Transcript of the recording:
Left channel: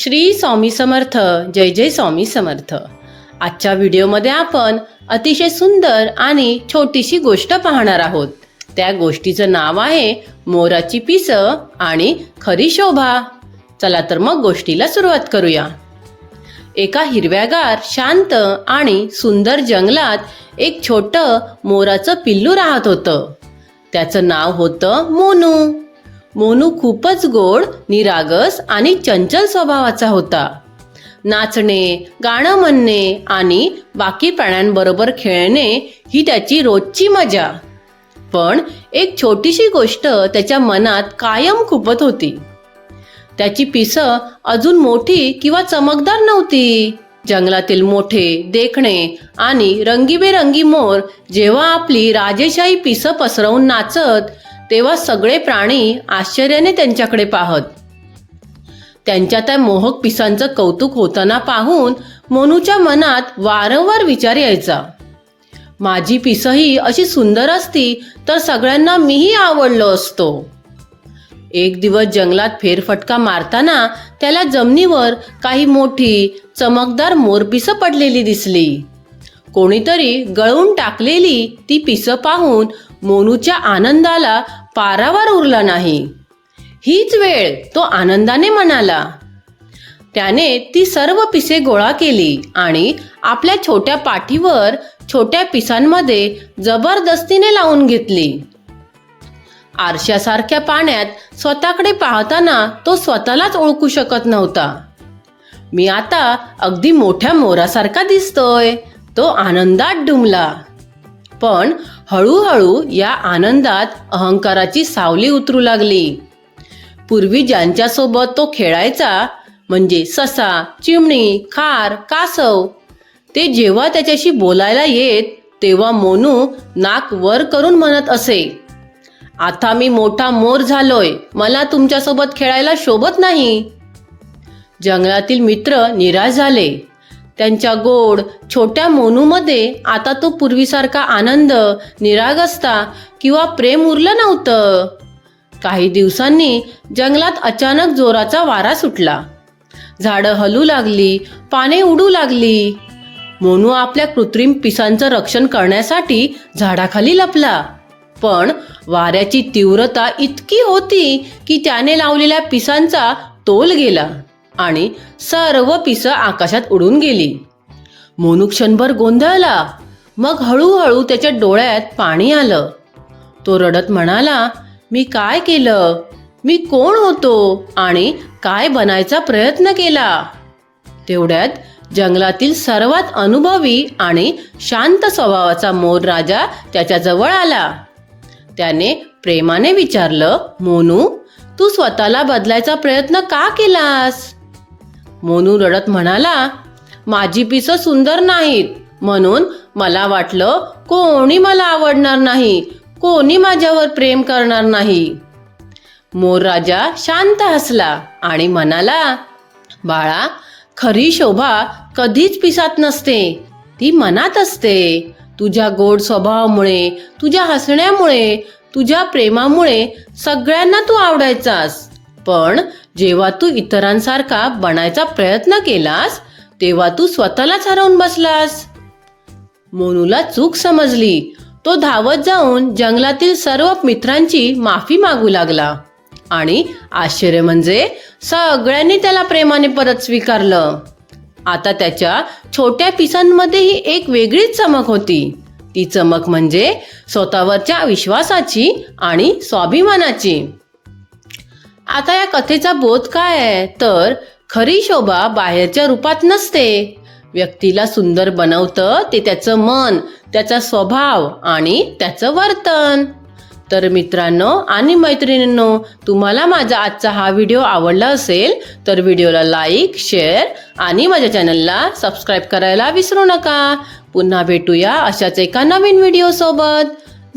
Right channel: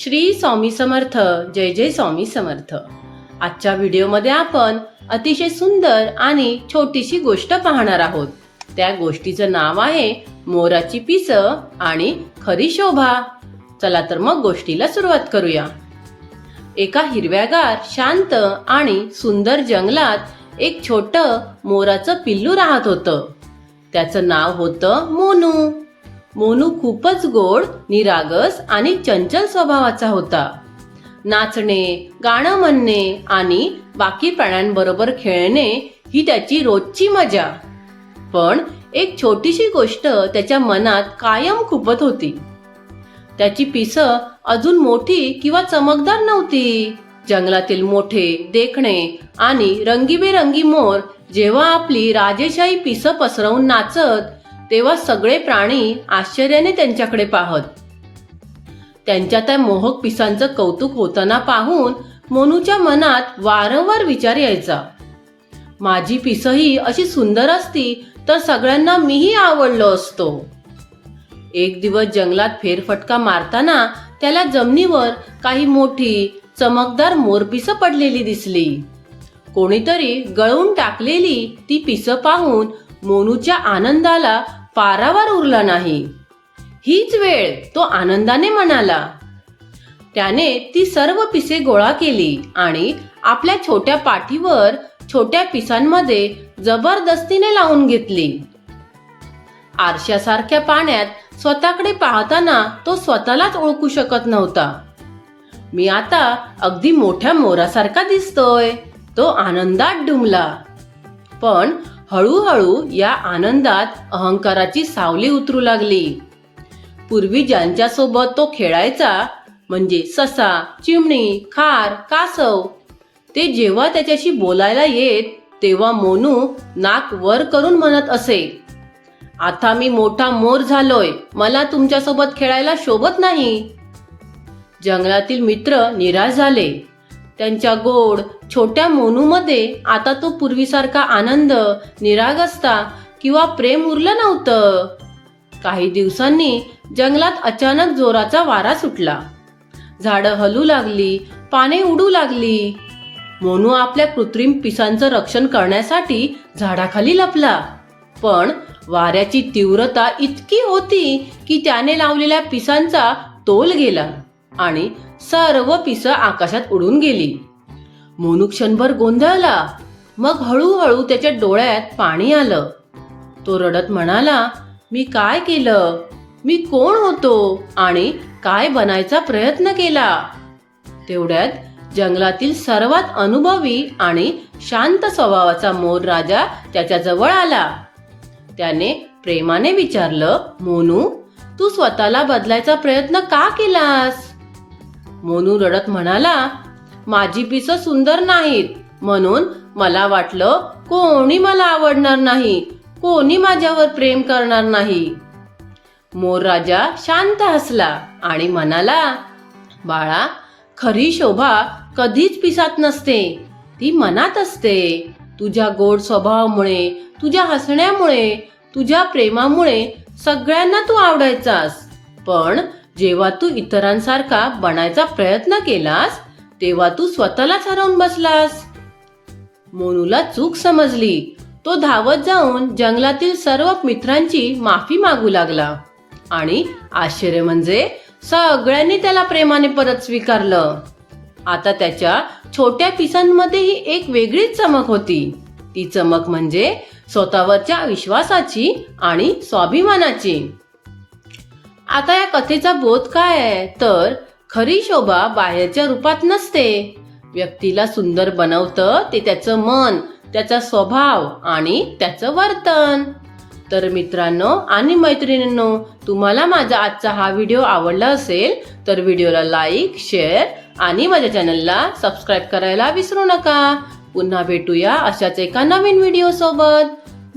श्री स्वामी समर्थ. जय जय स्वामी समर्थ. आजच्या व्हिडिओमध्ये आपण अतिशय सुंदर आणि छोटीशी गोष्ट पाहणार आहोत. त्या गोष्टीचं नाव आहे मोराची पिसं आणि खरी शोभा. चला तर मग गोष्टीला सुरुवात करूया. एका हिरव्यागार शांत आणि सुंदर जंगलात एक छोटं मोराचं पिल्लू राहत होतं. त्याचं नाव होतं मोनू. मोनू खूपच गोड, निरागस आणि चंचल स्वभावाचा होता. नाचणे, गाणं म्हणणे आणि बाकी प्राण्यांबरोबर खेळणे ही त्याची रोजची मजा. पण एक छोटीशी गोष्ट त्याच्या मनात कायम खुपत होती. त्याची पिसं अजून मोठी किंवा चमकदार नव्हती. जंगलातील मोठे, देखणे आणि रंगीबेरंगी मोर जेव्हा आपली राजेशाही पिसं पसरवून नाचत, तेव्हा सगळे प्राणी आश्चर्याने त्यांच्याकडे पाहत. त्यांच्या त्या मोहक पिसांचं कौतुक होताना पाहून मोनूच्या मनात वारंवार विचार यायचा, माझी पिसंही अशी सुंदर असती तर सगळ्यांना मीही आवडलो असतो. एक दिवस जंगलात फेरफटका मारताना त्याला जमिनीवर काही मोठी चमकदार मोरपिसं पडलेली दिसली. कोणीतरी गळून टाकलेली ती पिसं पाहून मोनूच्या आनंदाला पारावार उरला नाही. हीच वेळ, तो आनंदाने म्हणाला. त्याने ती सर्व पिसे गोळा केली आणि आपल्या छोट्या पाठीवर छोट्या पिसांमध्ये जबरदस्तीने लावून घेतली. आरशासारख्या पाण्यात स्वतःकडे पाहताना तो स्वतःलाच ओळखू शकत नव्हता. मी आता अगदी मोठ्या मोरासारखा दिसतोय, तो आनंदात डुंबला. पण हळूहळू या आनंदात अहंकाराची सावली उतरू लागली. पूर्वी ज्यांच्यासोबत तो खेळायचा, म्हणजे ससा, चिमणी, खार, कासव, ते जेव्हा त्याच्याशी बोलायला येत तेव्हा मोनू नाक वर करून म्हणत असे, आता मी मोठा मोर झालोय, मला तुमच्यासोबत खेळायला शोभत नाही. जंगलातील मित्र निराश झाले. त्यांच्या गोड छोट्या मोनूमध्ये आता तो पूर्वीसारखा आनंद, निरागसता किंवा प्रेम उरलं नव्हतं. काही दिवसांनी जंगलात अचानक जोराचा वारा सुटला. झाडं हलू लागली, पाने उडू लागली. मोनू आपल्या कृत्रिम पिसांचं रक्षण करण्यासाठी झाडाखाली लपला. पण वाऱ्याची तीव्रता इतकी होती की त्याने लावलेल्या पिसांचा तोल गेला आणि सर्व पिसं आकाशात उडून गेली. मोनू क्षणभर गोंधळला. मग हळूहळू त्याच्या डोळ्यात पाणी आलं. तो रडत म्हणाला, मी काय केलं? मी कोण होतो आणि काय बनायचा प्रयत्न केला? तेवढ्यात जंगलातील सर्वात अनुभवी आणि शांत स्वभावाचा मोर राजा त्याच्या जवळ आला. त्याने प्रेमाने विचारलं, मोनू, तू स्वतःला बदलायचा प्रयत्न का केलास? मोनू रडत म्हणाला, माझी पिसं सुंदर नाहीत, म्हणून मला वाटलं कोणी मला आवडणार नाही, कोणी माझ्यावर प्रेम करणार नाही. मोर राजा शांत हसला आणि म्हणाला, बाळा, खरी शोभा कधीच पिसात नसते, ती मनात असते. तुझ्या गोड स्वभावामुळे, तुझ्या हसण्यामुळे, तुझ्या प्रेमामुळे सगळ्यांना तू आवडायचास. पण जेव्हा तू इतरांसारखा बनायचा प्रयत्न केलास तेव्हा तू स्वतःलाच हरवून बसलास. मोनूला चूक समजली. तो धावत जाऊन जंगलातील सर्व मित्रांची माफी मागू लागला आणि आश्चर्य म्हणजे सगळ्यांनी त्याला प्रेमाने परत स्वीकारलं. आता त्याच्या छोट्या पिसांमध्येही एक वेगळीच चमक होती. ती चमक म्हणजे स्वतःवरच्या विश्वासाची आणि स्वाभिमानाची. आता या कथेचा बोध काय आहे तर खरी शोभा बाहेरच्या रूपात नसते. व्यक्तीला सुंदर बनवतं ते त्याचं मन, त्याचा स्वभाव आणि त्याचं वर्तन. तर मित्रांनो आणि मैत्रिणींनो, तुम्हाला माझा आजचा हा व्हिडिओ आवडला असेल तर व्हिडिओला लाईक, शेअर आणि माझ्या चॅनलला सबस्क्राईब करायला विसरू नका. पुन्हा भेटूया अशाच एका नवीन व्हिडिओ सोबत.